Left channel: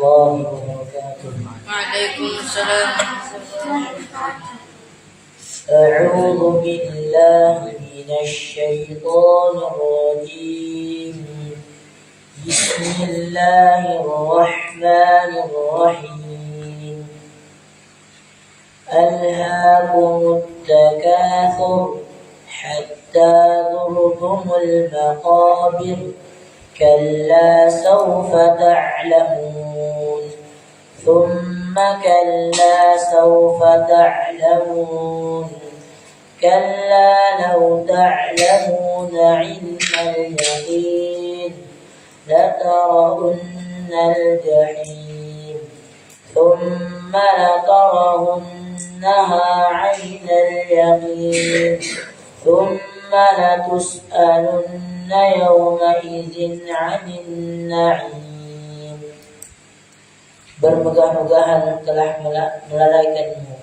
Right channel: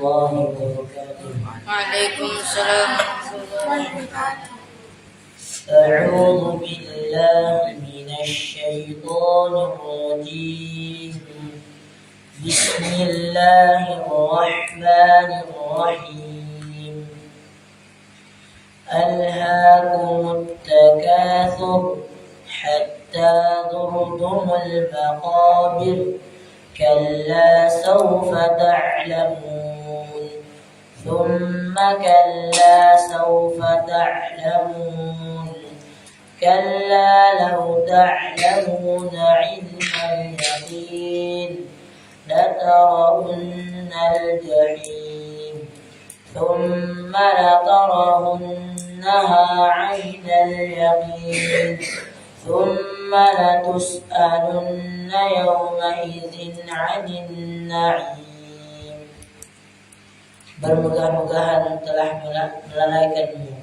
الله وبركاته. وعليكم السلام. أعوذ بالله من الشيطان الرجيم. بسم الله الرحمن الرحيم. ألهاكم التكاثر حتى زرتم المقابر كلا سوف تعلمون ثم كلا سوف تعلمون كلا لو تعلمون علم اليقين لترون الجحيم ثم لترونها عين اليقين ثم لتسألن يومئذ عن النعيم. Bermegah-megahan telah melalaikanmu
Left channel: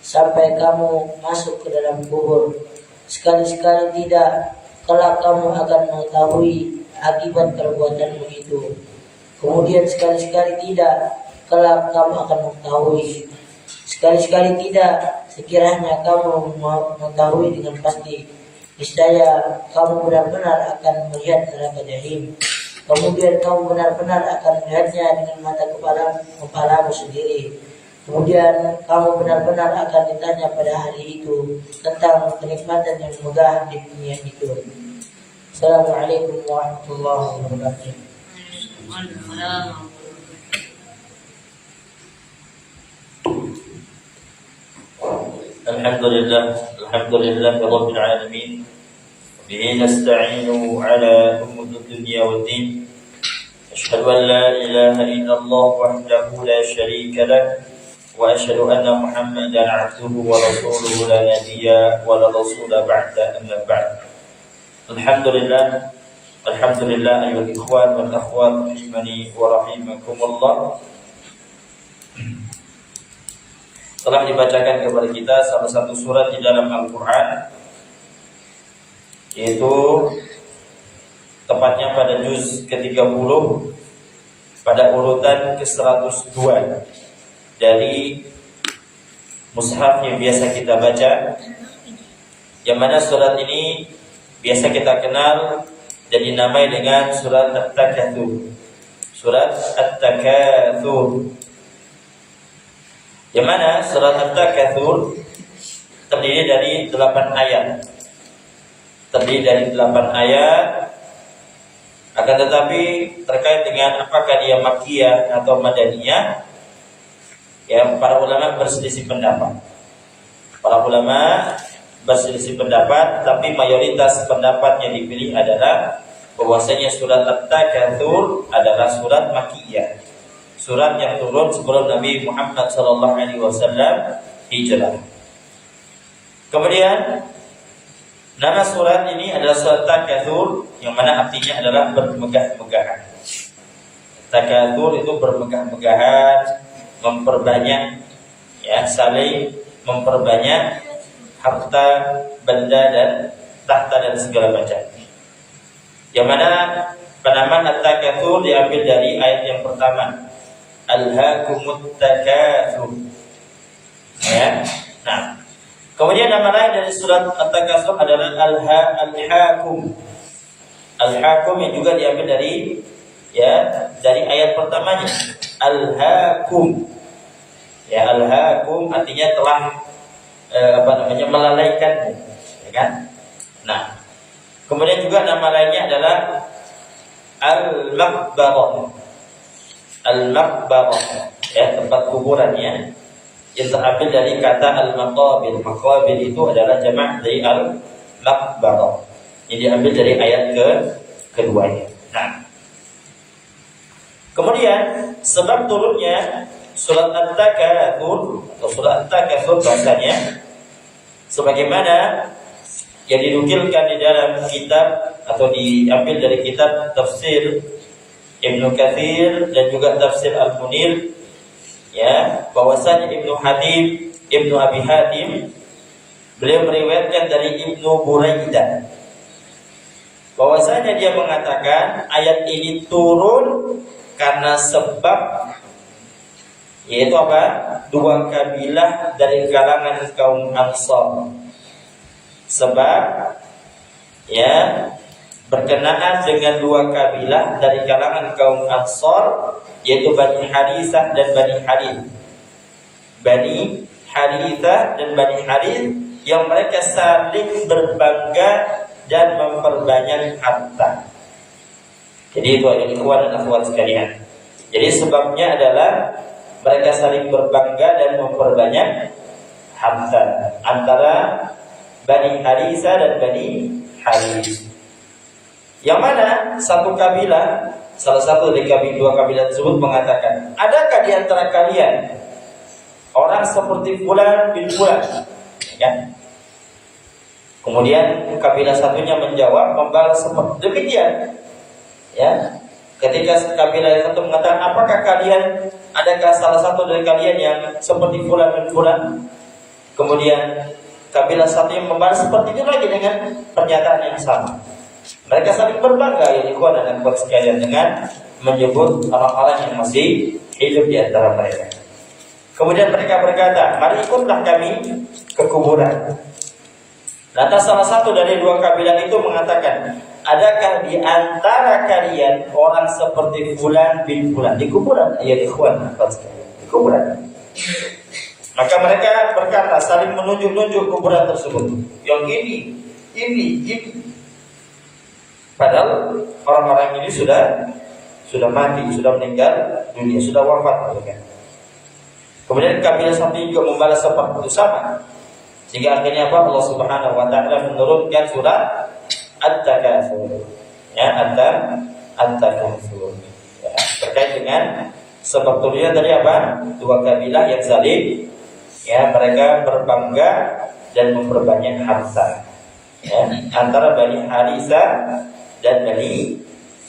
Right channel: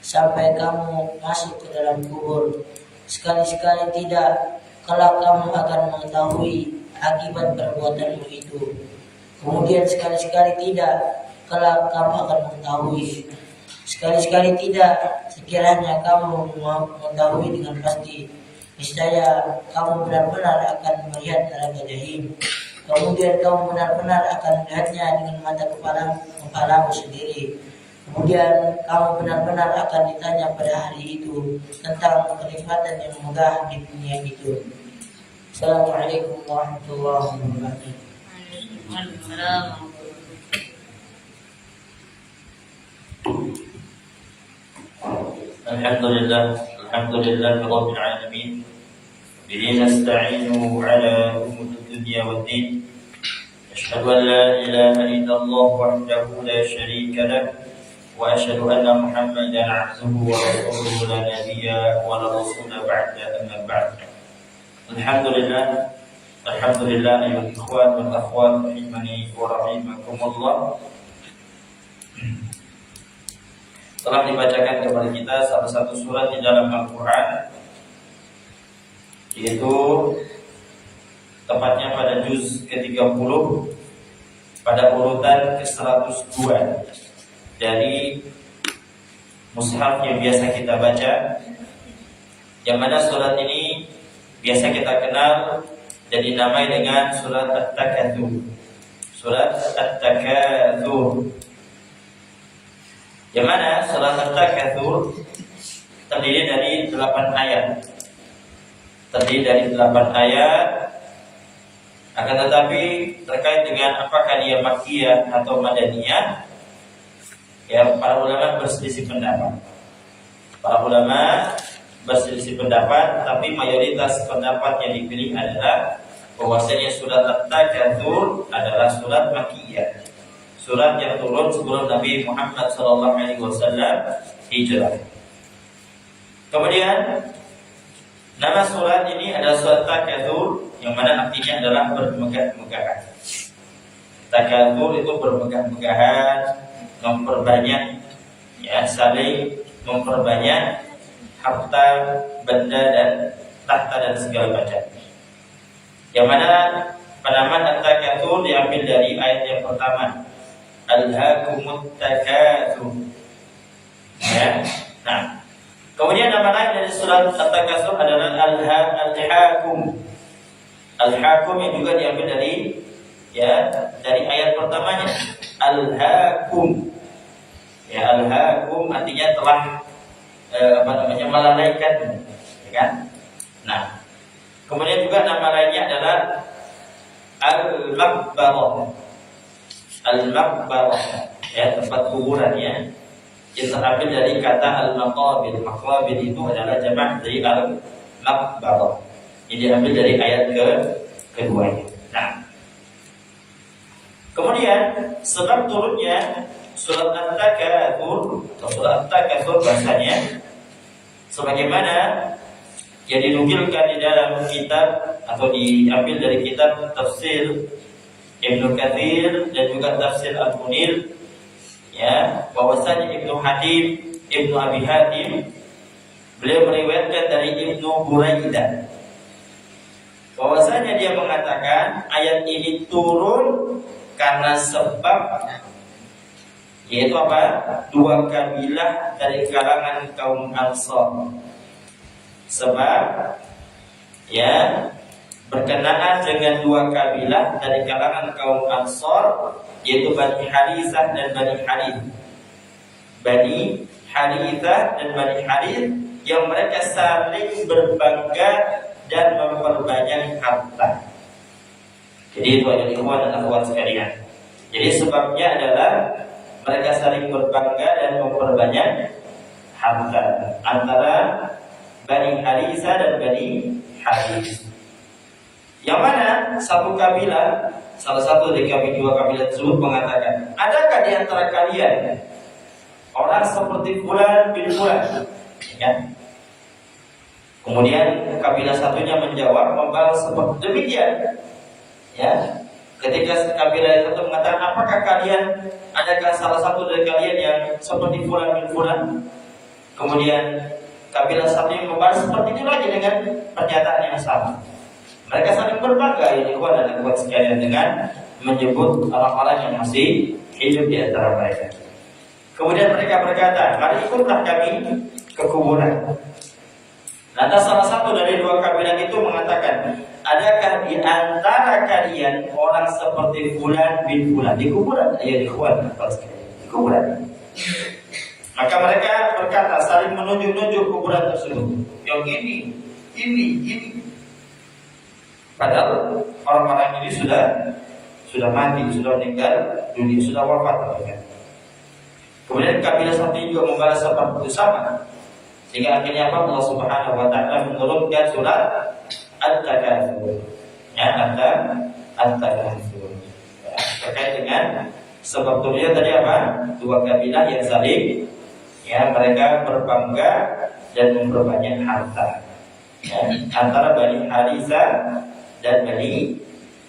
sampai kamu masuk ke dalam kubur. Sekali-sekali tidak, kelak kamu akan mengetahui akibat perbuatanmu itu. Kemudian sekali-sekali tidak, kelak kamu akan mengetahui. Sekali-sekali tidak, sekiranya kamu mengetahui dengan pasti, niscaya kamu benar-benar akan melihat neraka jahim. Kemudian kamu benar-benar akan melihatnya dengan mata kepalamu sendiri. Kemudian kamu benar-benar akan ditanya pada hari itu tentang kenikmatan yang megah di dunia itu. Assalamualaikum warahmatullahi wabarakatuh. Alhamdulillah Rabbil Alamin. Bihi nasta'inu ala umuri dunya waddin. Asyhadu an la ilaha illallah wahdahu la syarika lah wa asyhadu anna Muhammadan 'abduhu wa rasuluhu la nabiyya wa la rasula ba'da amma ba'd. Alhamdulillah ayyuhal ikhwan wal akhwat rahimani wa rahimakumullah. Telah dibacakan kepada kita salah satu surat di dalam Al-Quran, yaitu tepatnya pada juz ke-30 pada urutan ke-102 dari mushaf yang biasa kita baca, yang mana surat ini biasa kita kenal dan dinamai dengan surat At-Takatsur. Surat At-Takatsur, yang mana surat At-Takatsur terdiri dari 8 ayat. Akan tetapi terkait dengan apakah dia makkiyah atau madaniyah, yang para ulama berselisih pendapat. Tapi mayoritas pendapat yang dipilih adalah bahwasanya surat At-Takatsur adalah surat makkiyah, surat yang turun sebelum Nabi Muhammad SAW hijrah. Kemudian nama surat ini adalah surat Takatsur, yang mana artinya adalah bermegah-megahan. Takatsur itu bermegah-megahan, memperbanyak, saling memperbanyak harta, benda dan tahta dan segala macam. Yang mana penamaan At-Takatsur diambil dari ayat yang pertama, Alhaakumut Takatsur. Kemudian nama lain dari surat At-Takatsur adalah Al-Hakum. Al-Hakum yang juga diambil dari ayat pertamanya, Al-Hakum. Al-Hakum artinya telah melalaikan, kan? Kemudian juga nama lainnya adalah Al-Maqbarah. Al-Maqbarah, tempat kuburannya, yang terambil dari kata al-maqabir. Maqabir itu adalah jamak dari al-maqbarah, yang diambil dari ayat keduanya. Kemudian sebab turunnya surat At-Takatsur atau surat At-Takatsur bahasanya sebagaimana yang dinukilkan di dalam kitab atau diambil dari kitab tafsir Ibnu Katsir dan juga tafsir Al-Munir, bahwasanya Ibnu Abi Hatim beliau meriwayatkan dari Ibnu Buraidah bahwasanya dia mengatakan ayat ini turun karena sebab yaitu apa? Dua kabilah dari kalangan kaum Ansar. Sebab ya berkenaan dengan dua kabilah dari kalangan kaum Ansar, yaitu Bani Harithah dan Bani Harith. Bani Harithah dan Bani Harith yang mereka saling berbangga dan memperbanyak harta. Jadi itu adalah ikhwan dan akhwat sekalian. Jadi sebabnya adalah mereka saling berbangga dan memperbanyak harta antara Bani Harithah dan Bani Harith. Yang mana satu kabilah, salah satu dari dua kabilah tersebut mengatakan, adakah di antara kalian orang seperti Fulan bin Fulan? Ya. Kemudian kabilah satunya menjawab, membalas demikian. Ya. Ketika kabilah satu mengatakan, apakah kalian, adakah salah satu dari kalian yang seperti Fulan bin Fulan? Kemudian kabilah satu yang membalas seperti itu lagi dengan pernyataan yang sama. Mereka saling berbangga, ya ikhwan dan akhwat sekalian, dengan menyebut orang-orang yang masih hidup di antara mereka. Kemudian mereka berkata, mari ikutlah kami ke kuburan. Lantas salah satu dari dua kabilah itu mengatakan, adakah di antara kalian orang seperti Fulan bin Fulan di kuburan? Ya ikhwan, di kuburan. Maka mereka berkata, saling menunjuk-nunjuk kuburan tersebut. Yang ini. Padahal orang-orang ini sudah mati, sudah meninggal dunia, sudah wafat mereka. Kemudian kabilah satu juga membalas seperti itu sama. Sehingga akhirnya apa? Allah Subhanahu wa taala menurunkan surat At-Takatsur. Ya, At-Takatsur. Ya, terkait dengan sebab turunnya tadi apa? Dua kabilah yang saling, ya, mereka berbangga dan memperbanyak harta. Ya, antara Bani Harithah dan Bani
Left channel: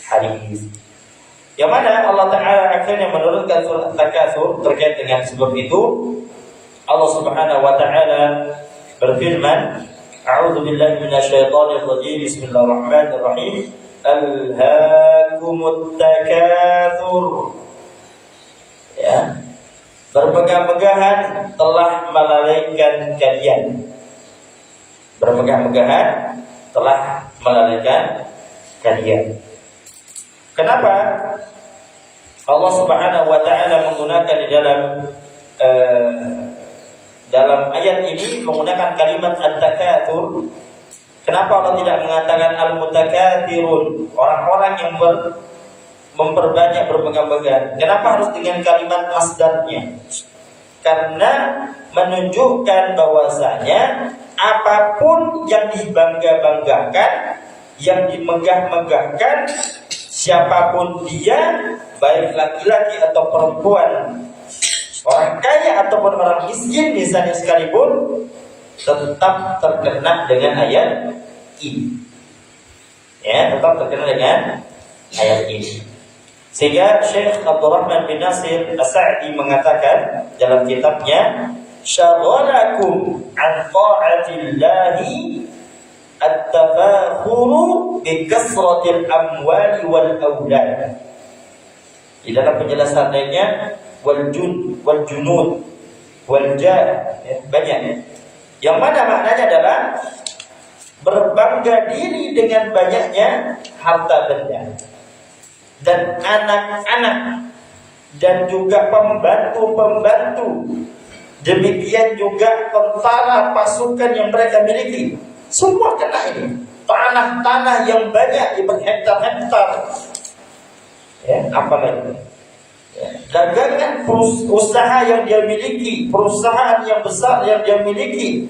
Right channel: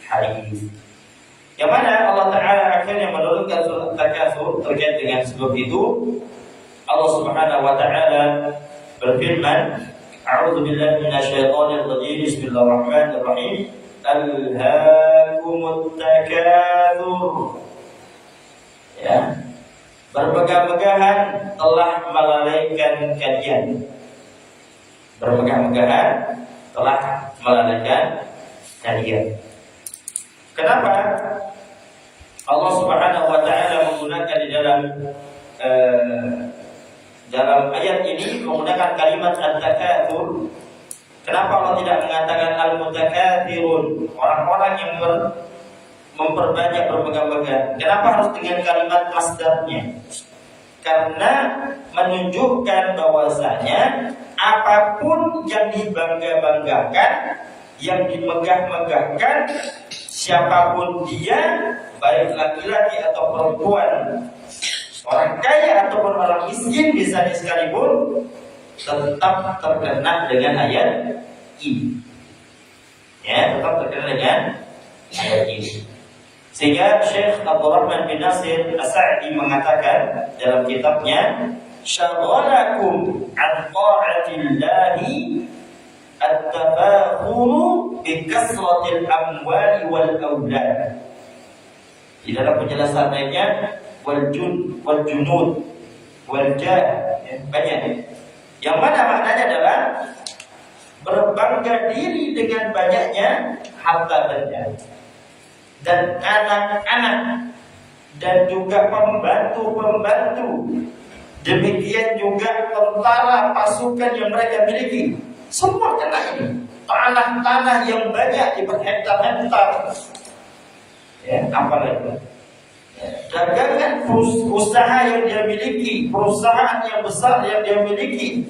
Harith. Yang mana Allah Ta'ala akhirnya menurunkan surat At-Takatsur terkait dengan sebab itu. Allah Subhanahu wa taala berfirman, A'udzu billahi minasyaitonir rajim. Bismillahirrahmanirrahim. Alhaakumut takatsur. Ya. Bermegah-megahan telah melalaikan kalian. Bermegah-megahan telah melalaikan kalian. Kenapa Allah Subhanahu wa taala menggunakan di dalam ayat ini menggunakan kalimat at-takatsur? Kenapa Allah tidak mengatakan al-mutakatsirun, orang-orang yang memperbanyak bermegah-megah? Kenapa harus dengan kalimat masdarnya? Karena menunjukkan bahwasanya apapun yang dibangga-banggakan, yang dimegah-megahkan, siapapun dia, baik laki-laki atau perempuan, orang kaya ataupun orang miskin misalnya sekalipun, tetap terkena dengan ayat ini. Ya, tetap terkena dengan ayat ini. Sehingga Syekh Abdurrahman bin Nasir As-Sa'di mengatakan dalam kitabnya, "Syaghalakum an ta'atillahi at-tafakhuru bi kasratil amwali wal aulad." Di dalam penjelasan lainnya, wal junud wal jah, ya, banyak. Yang mana maknanya adalah berbangga diri dengan banyaknya harta benda dan anak-anak dan juga pembantu-pembantu. Demikian juga tentara, pasukan yang mereka miliki. Semua kena ini. Tanah-tanah yang banyak berhektar-hektar. Ya, apalagi dagangan, usaha yang dia miliki, perusahaan yang besar yang dia miliki,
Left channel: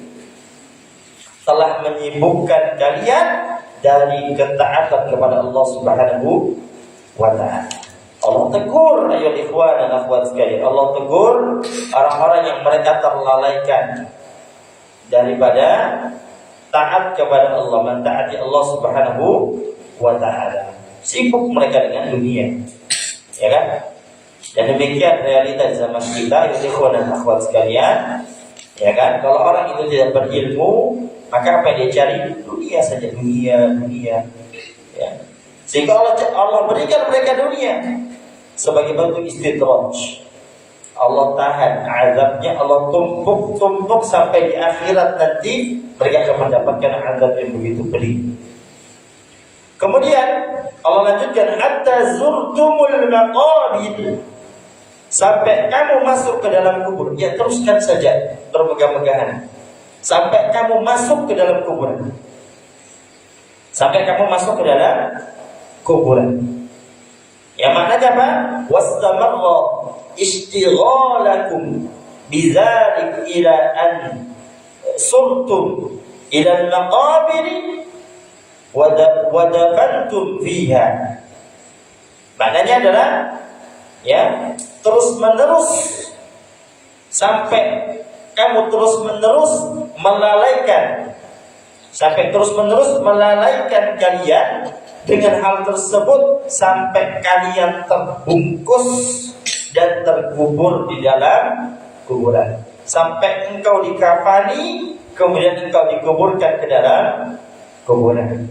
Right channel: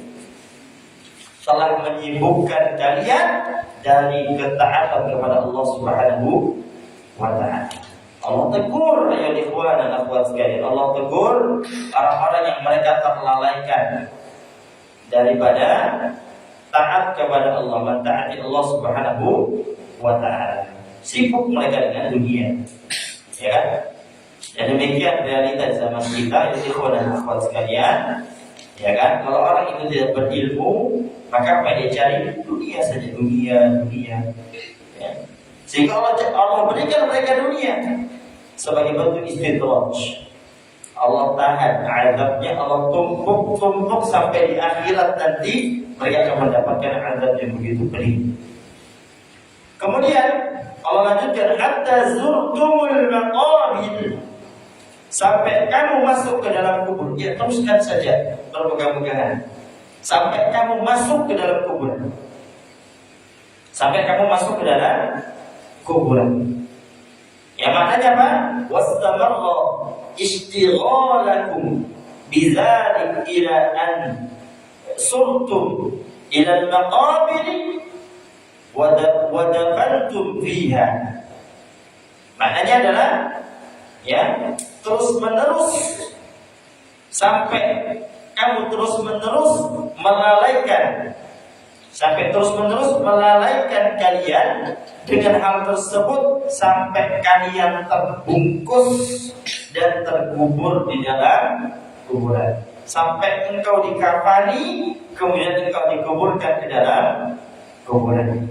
telah menyibukkan kalian dari ketaatan kepada Allah Subhanahu wa ta'ala. Allah tegur, ayo ikhwan dan akhwat sekalian, Allah tegur orang-orang yang mereka terlalaikan daripada taat kepada Allah, mentaati Allah Subhanahu wa ta'ala. Sibuk mereka dengan dunia, ya kan? Dan demikian realitas zaman kita, ikhwan dan akhwat sekalian, ya kan? Kalau orang itu tidak berilmu, maka apa yang dia cari? Dunia saja, dunia. Ya. Sehingga Allah berikan mereka dunia sebagai bentuk istidraj. Allah tahan azabnya, Allah tumpuk sampai di akhirat nanti mereka akan mendapatkan azab yang begitu pedih. Kemudian Allah lanjutkan hatta zurtumul maqabir, sampai kamu masuk ke dalam kubur. Ya, teruskan saja bermegah-megahan sampai kamu masuk ke dalam kubur. Sampai kamu masuk ke dalam kubur. Ya, maknanya apa? Wastamarra ishtighalakum bidzalik ila an surtum ila al-maqabir wa dafantum fiha. Maknanya adalah ya, terus menerus sampai kamu terus menerus melalaikan, sampai terus menerus melalaikan kalian dengan hal tersebut sampai kalian terbungkus dan terkubur di dalam kuburan. Sampai engkau dikafani, kemudian engkau dikuburkan ke dalam kuburan.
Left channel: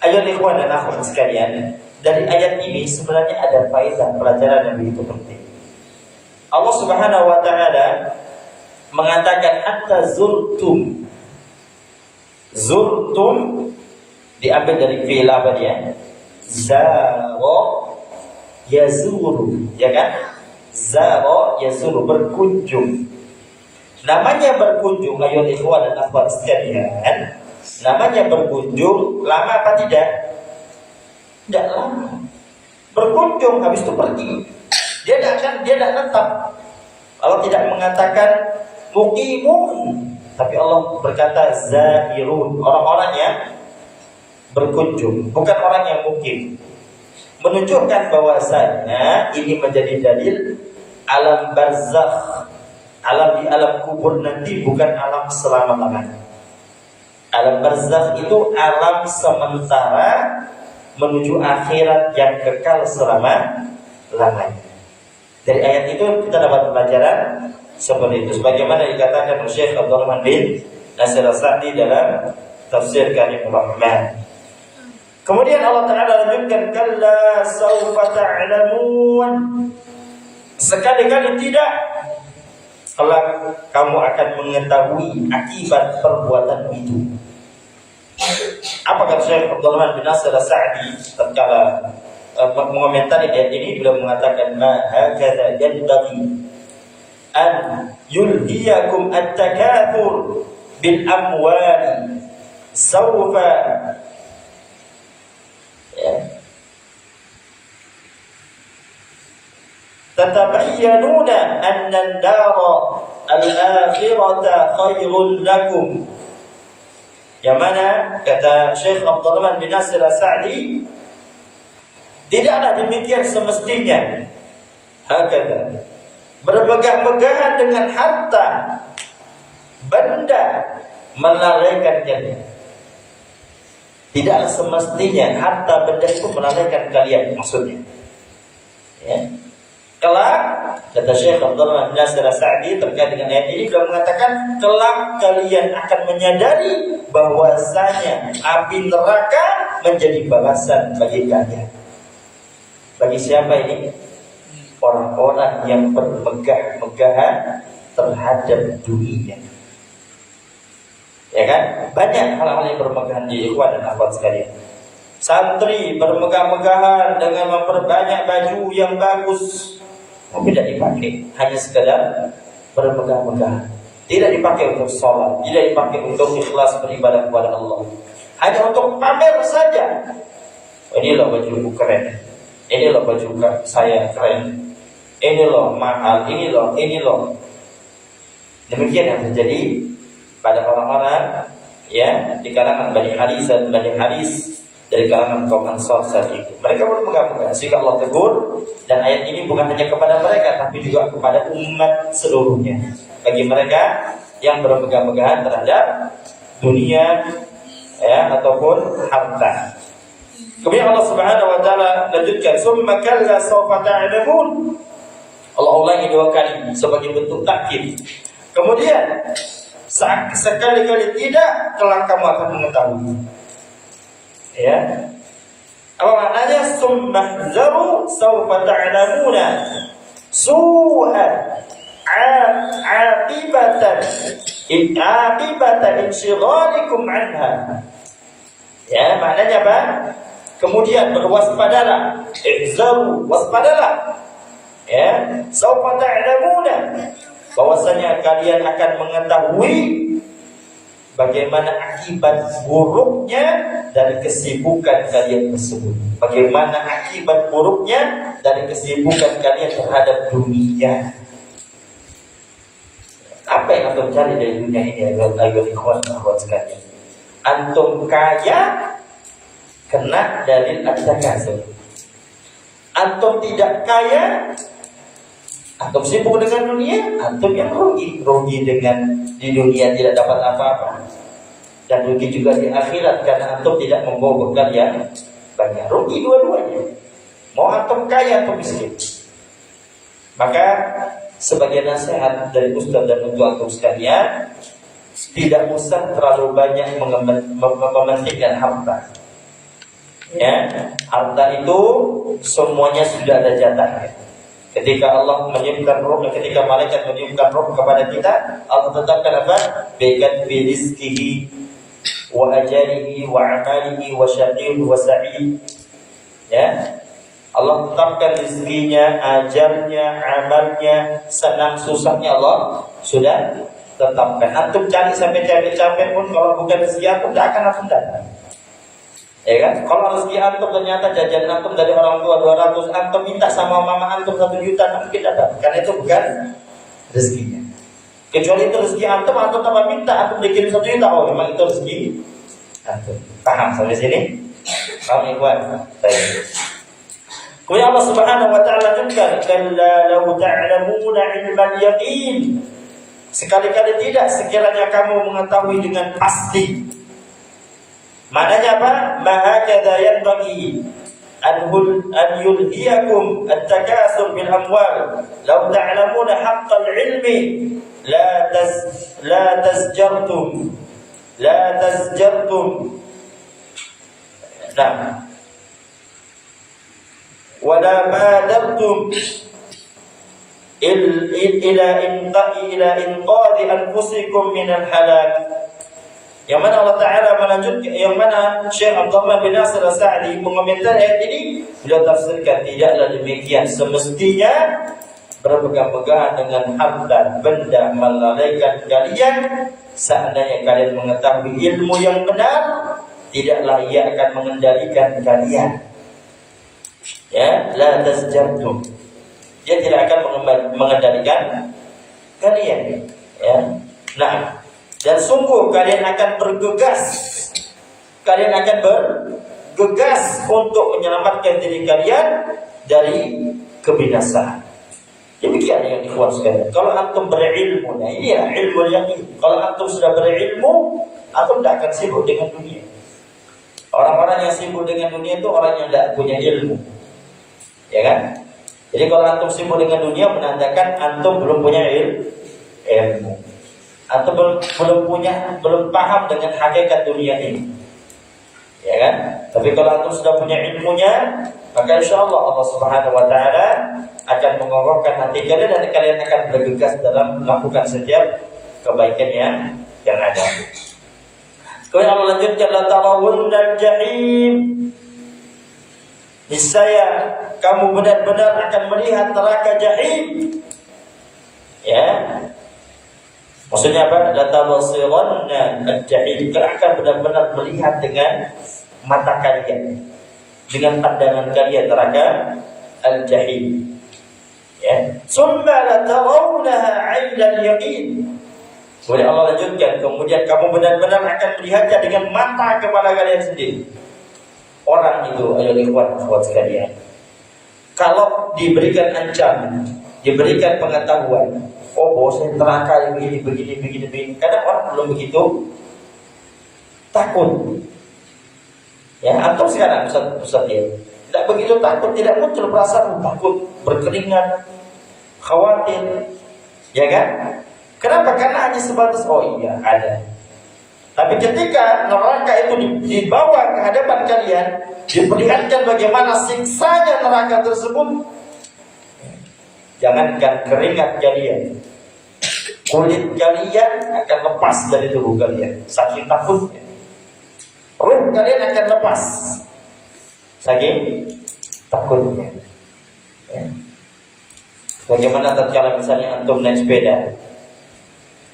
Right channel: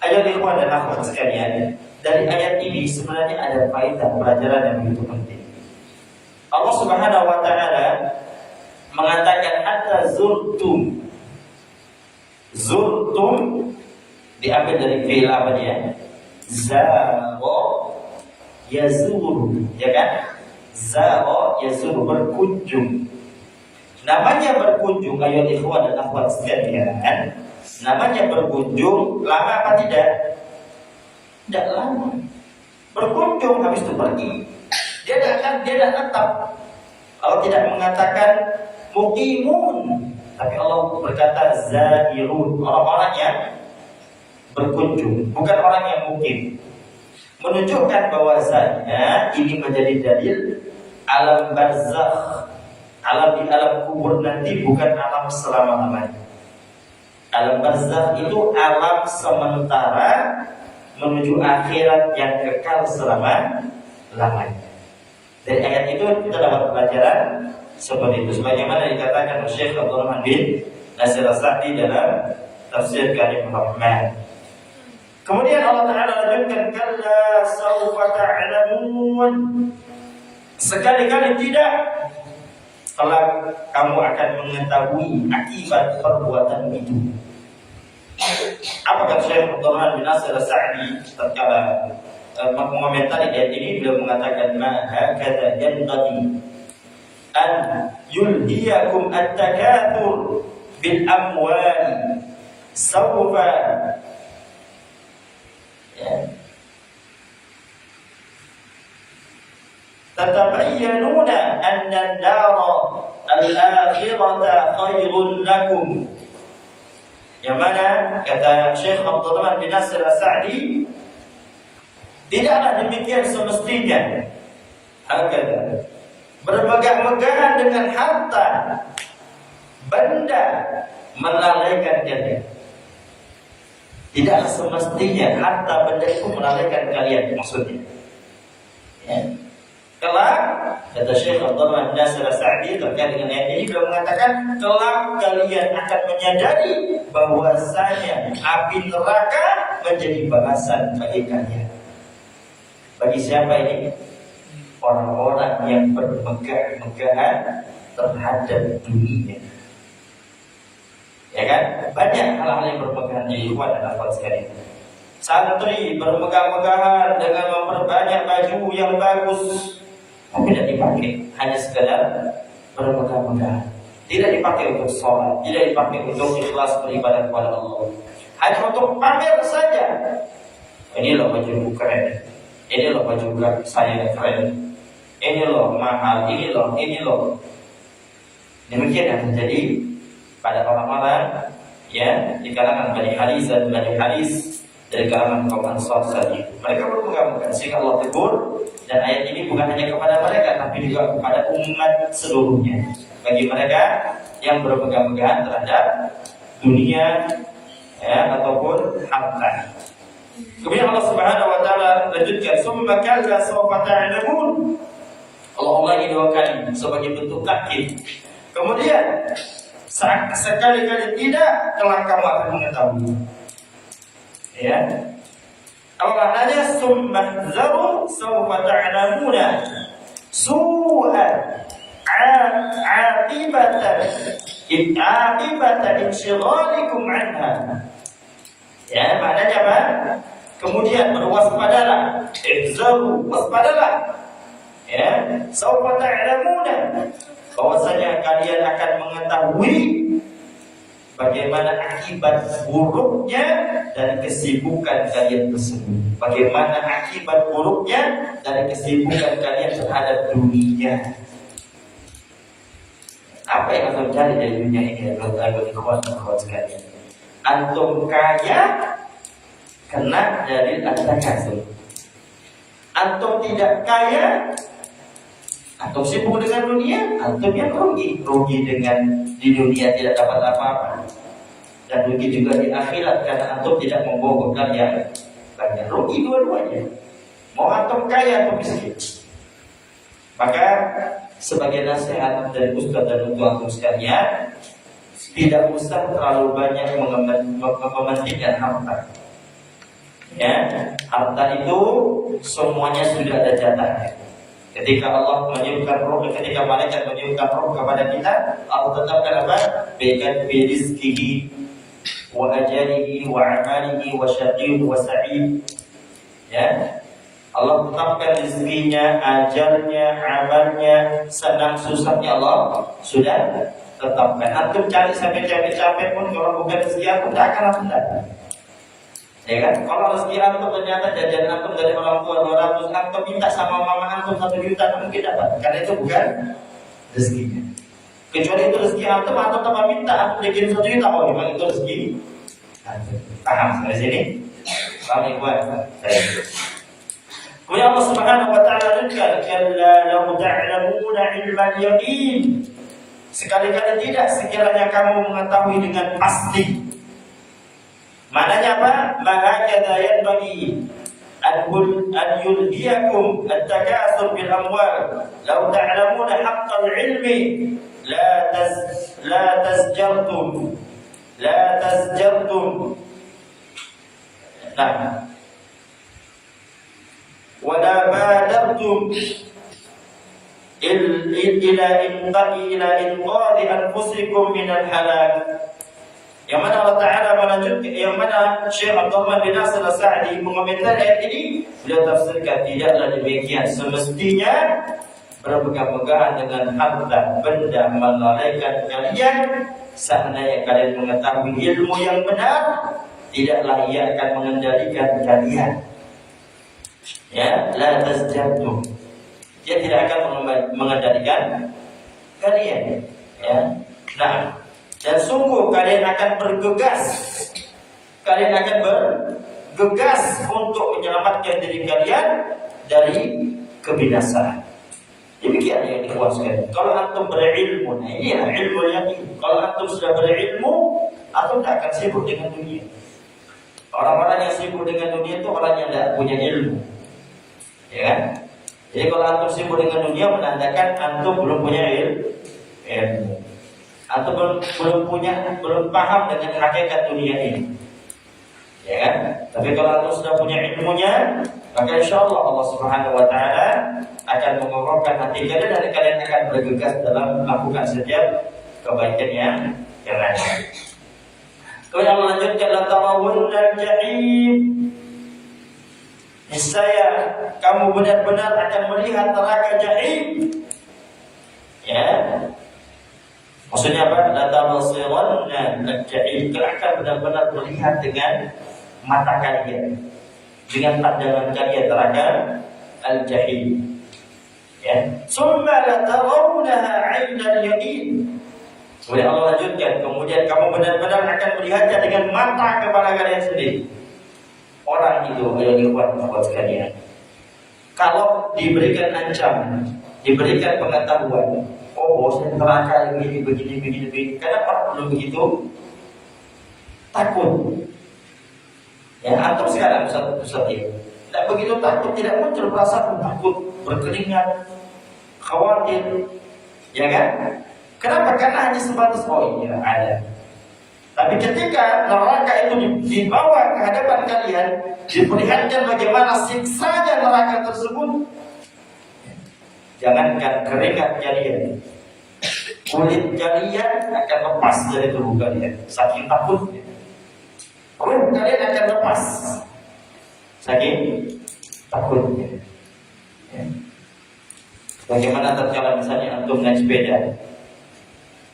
Ayo ikhwan dan akhwat sekalian, dari ayat ini sebenarnya ada faedah pelajaran yang begitu penting. Allah Subhanahu wa taala mengatakan hatta zurtum. Zurtum diambil dari fi'il apa dia? Zara yazuru, ya kan? Zara yazuru, berkunjung. Namanya berkunjung, ayo ikhwan dan akhwat sekalian. Namanya berkunjung, lama apa tidak? Tidak lama. Berkunjung habis itu pergi. Dia tidak tetap. Allah tidak mengatakan muqimun, tapi Allah berkata zairun, orang-orang yang berkunjung, bukan orang yang mukim. Menunjukkan bahwasanya ini menjadi dalil alam barzakh, alam di alam kubur nanti bukan alam selama-lamanya. Alam barzakh itu alam sementara menuju akhirat yang kekal selama-lamanya. Dari ayat itu kita dapat pelajaran seperti itu, sebagaimana dikatakan Syekh Abdul Rahman bin Nasir As-Sa'di dalam tafsir Karimur Rahman. Kemudian Allah Ta'ala lanjutkan, kalla sawfa ta'lamun, sekali-kali tidak, kelak kamu akan mengetahui akibat perbuatan itu. Apa kata Syekh Abdul Rahman bin Nasir As-Sa'di tatkala mengomentari ayat ini? Beliau mengatakan, ma hakadha yanbaghi an yulhiyakum at-takathur bil amwali sawfa tatabayyanuna anna ad-dara al-akhirata khairun lakum. Yang mana kata Syekh Abdul Rahman bin Nasir As-Sa'di, tidaklah demikian semestinya. Hakada, bermegah-megahan dengan harta benda melalaikan kalian. Tidak semestinya harta benda itu melalaikan kalian, maksudnya. Ya. Kelak, kata Syekh Abdul Rahman bin Nasir As-Sa'di terkait dengan ayat ini, beliau mengatakan, kelak kalian akan menyadari bahwasanya api neraka menjadi balasan bagi kalian. Bagi siapa ini? Orang-orang yang bermegah-megahan terhadap dunia. Ya kan? Banyak hal-hal yang bermegahan di ikhwan dan akhwat sekalian. Santri bermegah-megahan dengan memperbanyak baju yang bagus, tapi tidak dipakai, hanya sekedar bermegah-megahan. Tidak dipakai untuk sholat, tidak dipakai untuk ikhlas beribadah kepada Allah, hanya untuk pamer saja. Ini loh baju keren, ini loh baju saya keren, ini loh mahal, ini loh. Demikian yang terjadi pada orang-orang ya di kalangan Bani Haris dan Bani Haris dari kalangan kaum Ansar saat itu. Mereka bermegah-megahan sehingga Allah tegur, dan ayat ini bukan hanya kepada mereka tapi juga kepada umat seluruhnya. Bagi mereka yang bermegah-megahan terhadap dunia ya ataupun harta. Kemudian Allah Subhanahu wa taala lanjutkan, summa kalla sawfa ta'lamun. Allah ulangi dua kali sebagai bentuk takkid. Kemudian sekali-kali tidak, kelak kamu akan mengetahui. Ya. Apa maknanya? Summa zaru sawfa ta'lamuna su'al aqibata insyghalikum anha. Ya, maknanya apa? Kemudian berwaspadalah, ihzaru, waspadalah. Ya, sawfa ta'lamuna, bahwasanya kalian akan mengetahui bagaimana akibat buruknya dari kesibukan kalian tersebut. Bagaimana akibat buruknya dari kesibukan kalian terhadap dunia. Apa yang antum cari dari dunia ini, agar ikhwan sekalian? Antum kaya kena dalil at-takasur. Antum tidak kaya, antum sibuk dengan dunia, antum yang rugi. Rugi dengan di dunia tidak dapat apa-apa, dan rugi juga di akhirat karena antum tidak menggugurkan yang banyak. Rugi dua-duanya. Mau antum kaya atau miskin. Maka sebagai nasihat dari Ustaz dan untuk antum sekalian, tidak usah terlalu banyak mementingkan harta. Ya, harta itu semuanya sudah ada jatahnya. Ketika Allah menyiapkan roh, ketika malaikat menyiapkan roh kepada kita, Allah tetapkan apa? Biqad bi rizqihi wa ajalihi wa amalihi wa syaqiyun wa sa'id. Ya. Allah tetapkan rezekinya, ajalnya, amalnya, senang susahnya Allah sudah tetapkan. Antum cari sampai capek-capek pun kalau bukan rezeki antum tidak akan antum dapat. Ya kan? Kalau rezeki antum ternyata jajan antum dari orang tua 200, antum minta sama mama antum 1 juta, mungkin dapat. Karena itu bukan rezekinya. Kecuali itu rezeki antum tambah minta, antum dikirim 1 juta, oh memang itu rezeki antum. Paham sampai sini? Paham ikhwan? Kemudian Allah Subhanahu wa taala juga, kalla law ta'lamuna 'ilmal yaqin. Sekali-kali tidak sekiranya kamu mengetahui dengan pasti. Maknanya apa? Mahakadha yanbaghi an yulhiyakum at-takasur bil amwal. Law ta'lamuna haqqal ilmi la tazjartum. Nah, wala badartum ila inqadhi anfusikum min al-halak. Yang mana Allah Ta'ala melanjutkan, yang mana Syekh Abdullah bin Nasir As-Sa'di mengomentari ayat ini, beliau tafsirkan, tidaklah demikian. Semestinya berpegang-pegangan dengan harta benda melalaikan kalian. Seandainya kalian mengetahui ilmu yang benar, tidaklah ia akan mengendalikan kalian. Ya, la tasjabtum. Dia tidak akan mengendalikan kalian. Ya. Nah, dan sungguh kalian akan bergegas. Kalian akan bergegas untuk menyelamatkan diri kalian dari kebinasaan. Demikian yang dikeluarkan. Kalau antum berilmu, nah ini ya ilmu yakin. Kalau antum sudah berilmu, antum tidak akan sibuk dengan dunia. Orang-orang yang sibuk dengan dunia itu orang yang tidak punya ilmu. Ya kan? Jadi kalau antum sibuk dengan dunia menandakan antum belum punya ilmu. Antum belum paham dengan hakikat dunia ini. Ya kan? Tapi kalau antum sudah punya ilmunya, maka insyaallah Allah Subhanahu wa taala akan mengokohkan hati kalian dan kalian akan bergegas dalam melakukan setiap kebaikan yang ada. Kemudian melanjutkan la tarawunnal jahim. Niscaya kamu benar-benar akan melihat neraka jahim. Ya. Maksudnya apa? La tabsiranna al-jahim. Kalian akan benar-benar melihat dengan mata kalian, dengan pandangan kalian neraka al-jahim. Ya. Summa la tarawunaha 'ainal yaqin. Kemudian Allah lanjutkan, kemudian kamu benar-benar akan melihatnya dengan mata kepala kalian sendiri. Orang itu, ayo ikhwan sekalian, kalau diberikan ancaman, diberikan pengetahuan, oh bosan neraka yang begini. Kadang orang belum begitu takut. Ya, atau sekarang Ustaz ya, tidak begitu takut, tidak muncul perasaan takut, berkeringat, khawatir, ya kan? Kenapa? Karena hanya sebatas oh iya ada. Tapi ketika neraka itu dibawa ke hadapan kalian, diperlihatkan bagaimana siksanya neraka tersebut, jangankan keringat kalian, kulit kalian akan lepas dari tubuh kalian saking takutnya. Kulit kalian akan lepas saking takutnya. Ya. Bagaimana tatkala misalnya antum naik sepeda,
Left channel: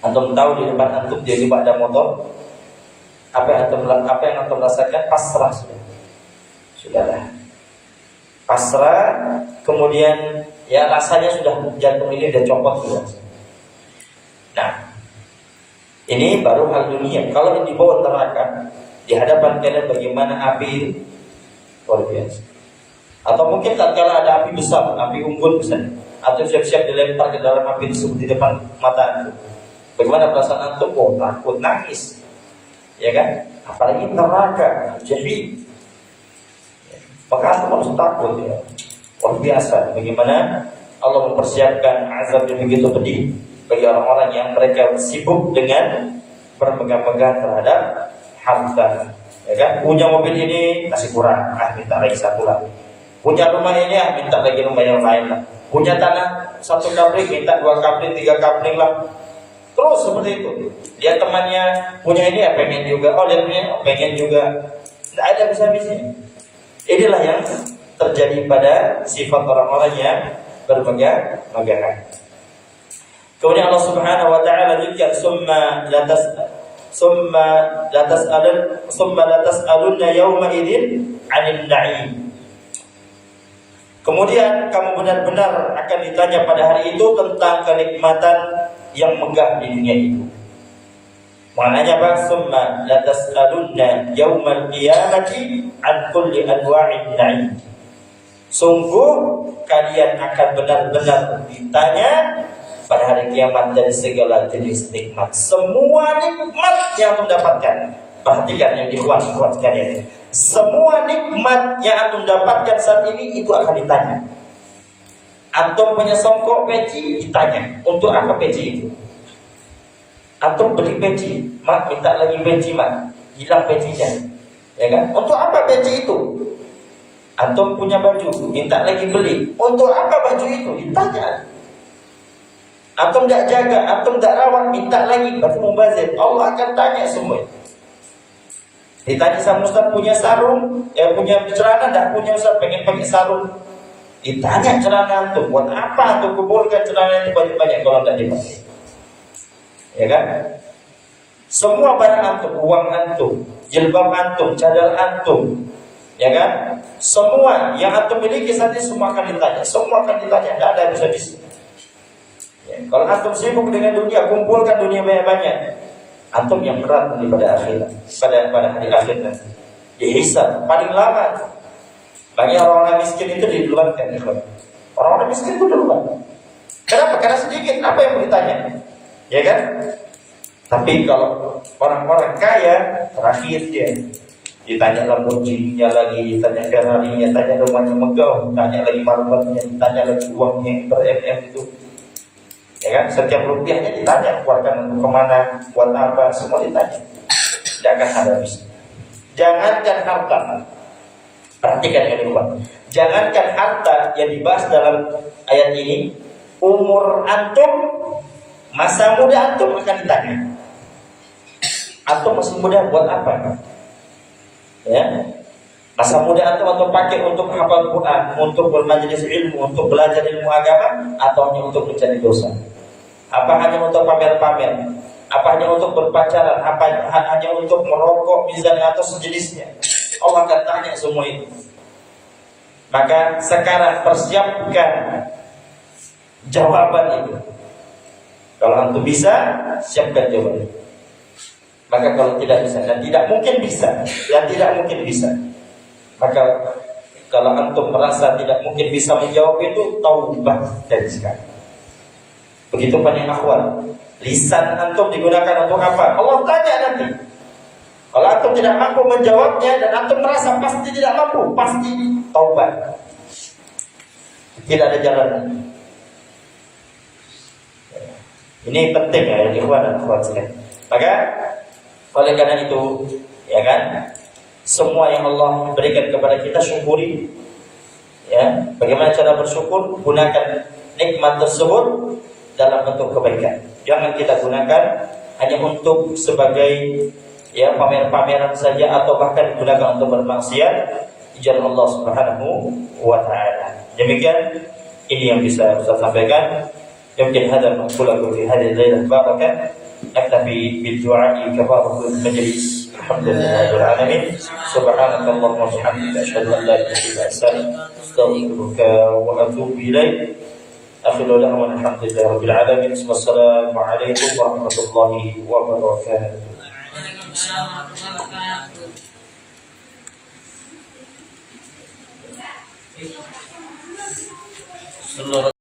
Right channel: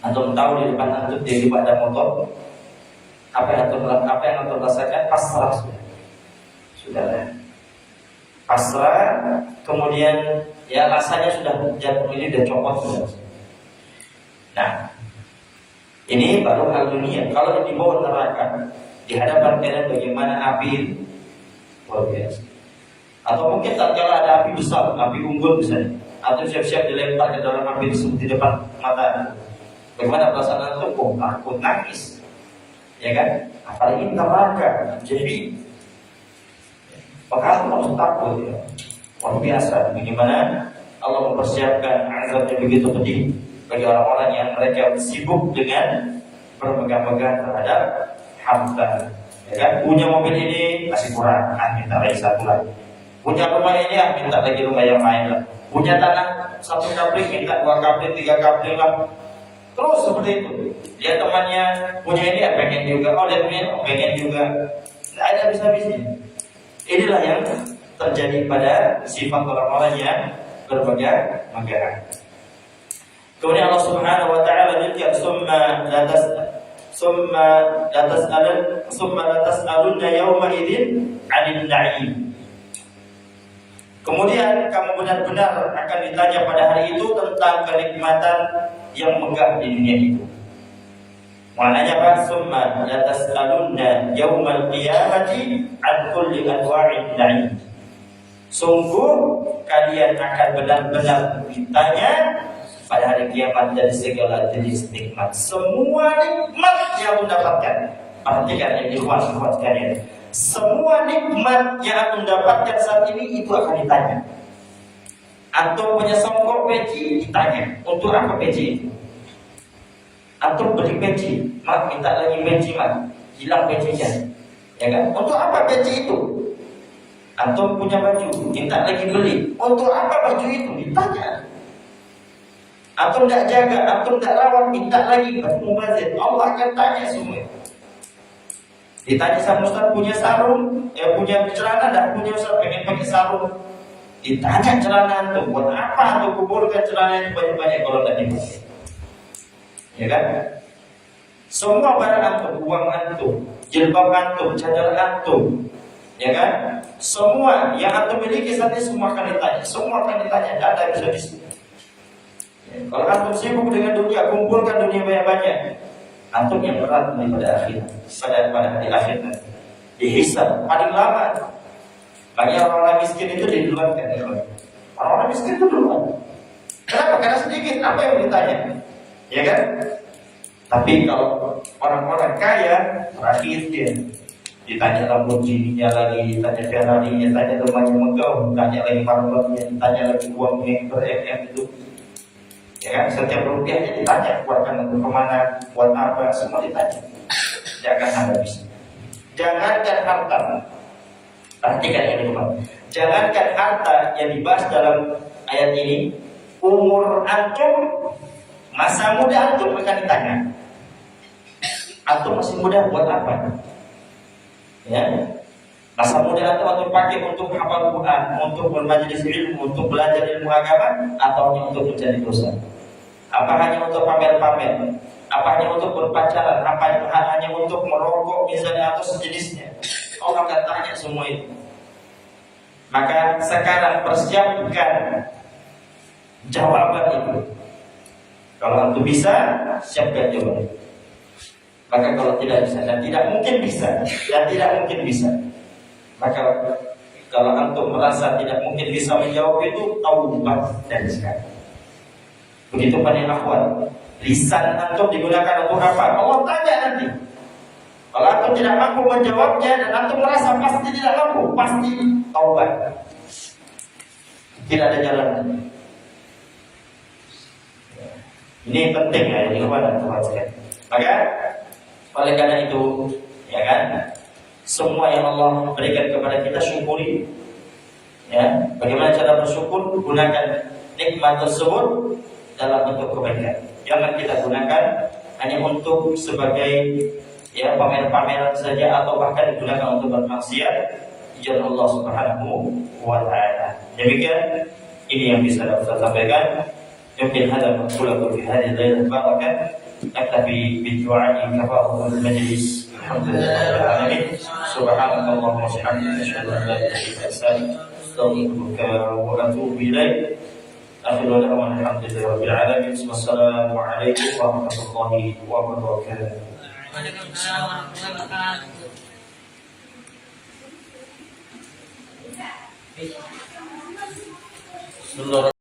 antum tahu di depan antum dia ada motor, apa yang antum rasakan? Pasrah sudahlah, pasrah. Kemudian ya rasanya sudah jantung ini udah copot sudah. Nah, ini baru hal dunia. Kalau di bawah neraka, di hadapan kalian bagaimana api luar biasa. Atau mungkin tatkala ada api besar, api unggun misalnya, atau siap-siap dilempar ke dalam api tersebut di depan mata antum, bagaimana perasaan antum? Oh, takut, nangis, ya kan? Apalagi neraka, jahim. Maka antum harus takut ya. Luar biasa. Bagaimana Allah mempersiapkan azab yang begitu pedih bagi orang-orang yang mereka sibuk dengan bermegah-megah terhadap harta. Ya kan? Punya mobil ini masih kurang, minta lagi satu lagi. Punya rumah ini, minta lagi rumah yang lain lah. Punya tanah 1 kapling, minta 2 kapling, 3 kapling lah. Terus seperti itu. Dia temannya punya ini, pengen juga. Oh, dia punya, pengen juga. Tidak ada bisa-bisanya. Inilah yang terjadi pada sifat orang-orang yang bermegah-megahan. Kemudian Allah Subhanahu wa taala juga summa la tas'alunna yawma idzin 'anil na'im. Kemudian kamu benar-benar akan ditanya pada hari itu tentang kenikmatan yang megah di dunia itu. Maknanya apa? Summa la tas'alunna yawmal qiyamati 'an kulli anwa'in na'im. Sungguh kalian akan benar-benar ditanya pada hari kiamat dari segala jenis nikmat. Semua nikmat yang antum dapatkan. Perhatikan yang dikuat-kuat sekalian. Semua nikmat yang antum dapatkan saat ini itu akan ditanya. Antum punya songkok peci, ditanya untuk apa peci itu. Antum beli peci, mak minta lagi peci mak, hilang pecinya, ya kan? Untuk apa peci itu? Antum punya baju, minta lagi beli, untuk apa baju itu? Ditanya. Antum tidak jaga, antum tidak rawat, minta lagi baju mubazir. Allah akan tanya semua itu. Ditanya sama Ustaz, punya sarung, ya punya celana, tidak punya Ustaz, pengen pakai sarung. Ditanya celana antum, buat apa antum kumpulkan celana itu banyak-banyak kalau tidak dipakai? Ya kan? Semua barang antum, uang antum, jilbab antum, cadar antum, ya kan? Semua yang antum miliki saat ini semua akan ditanya, semua akan ditanya, tidak ada bisa-bisa. Ya, kalau antum sibuk dengan dunia, kumpulkan dunia banyak-banyak, antum yang berat nanti pada akhirat, pada hari akhir nanti dihisab paling lama. Bagi orang-orang miskin itu didulukan, orang-orang miskin itu duluan. Kenapa? Karena sedikit, apa yang mau ditanya, ya kan? Tapi kalau orang-orang kaya, terakhir dia ditanya Lamborghini-nya lagi, ditanya Ferrari-nya, ditanya rumahnya megah, ditanya lagi marwahnya, ditanya lagi uangnya yang ber-MM itu. Ya kan, setiap rupiahnya ditanya, keluarkan kemana, buat apa, semua ditanya. Tidak akan habis. Jangankan harta, perhatikan ini Pak. Jangankan harta yang dibahas dalam ayat ini, umur antum, masa muda antum akan ditanya. Antum masih muda buat apa? Ya, masa muda antum pakai untuk hafal Quran, untuk bermajelis ilmu, untuk belajar ilmu agama, atau hanya untuk mencari dosa? Apa hanya untuk pamer-pamer? Apa hanya untuk berpacaran? Apa hanya untuk merokok misalnya atau sejenisnya? Allah akan tanya semua itu. Maka sekarang persiapkan jawaban itu. Kalau antum bisa, siapkan jawaban. Maka kalau tidak bisa, dan tidak mungkin bisa, maka kalau antum merasa tidak mungkin bisa menjawab itu, taubat dari sekarang. Begitu banyak akhwat, lisan antum digunakan untuk apa? Allah tanya nanti. Kalau antum tidak mampu menjawabnya dan antum merasa pasti tidak mampu, pasti taubat. Tidak ada jalan. Ini penting ya, ini dan sekalian. Maka oleh karena itu, ya kan, semua yang Allah berikan kepada kita syukuri. Ya, bagaimana cara bersyukur? Gunakan nikmat tersebut dalam bentuk kebaikan. Jangan kita gunakan hanya untuk sebagai ya pamer-pameran saja atau bahkan digunakan untuk bermaksiat di jalan Allah Subhanahu wa taala. Demikian ini yang bisa saya sampaikan. Mungkin hada maqulatu fi hadhihi al-lailah barakah. Aktafi bid-du'a kafaratul majlis. Alhamdulillahil alamin. Subhanakallahumma wa bihamdika asyhadu an la ilaha illa anta astaghfiruka wa atubu ilaik. Akhiru da'wana alhamdulillahi rabbil alamin. Wassalamu alaikum warahmatullahi wabarakatuh. Waalaikumsalam warahmatullahi wabarakatuh.